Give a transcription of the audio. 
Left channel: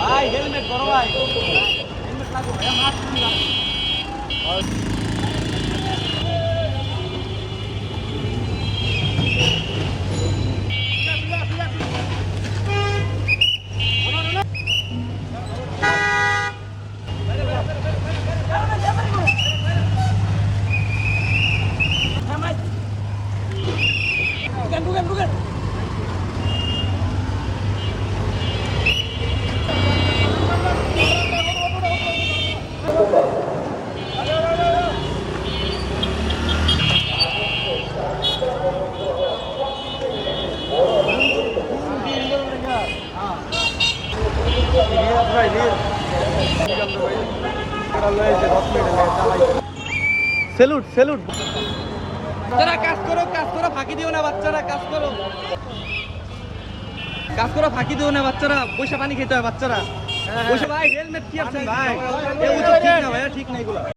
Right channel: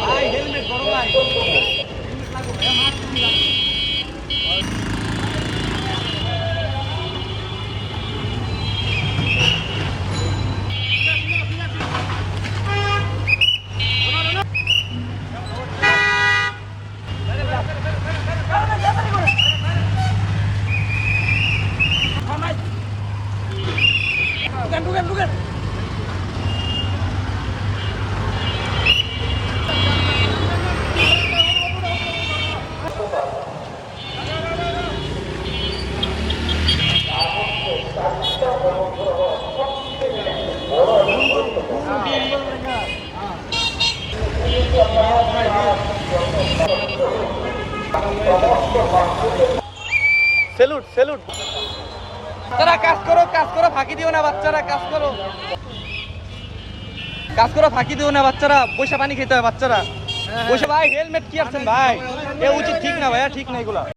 ভাই হেলমেট বড় ভাই হেলমেট লাগো এটা মাছ দিলাম বাচ্চারা কাজ করো কাজ করো ফাঁকি দিও না বাচ্চারা কাজ করো। কাজ করো ফাঁকি দিও না বাচ্চারা পয়সা পানি খেতে হবে বাচ্চারা। বসে ভাই হেলমেট কি আছে? ভাই এ উচিত ঠিক না ভাইয়া ঠিক না এগুলো।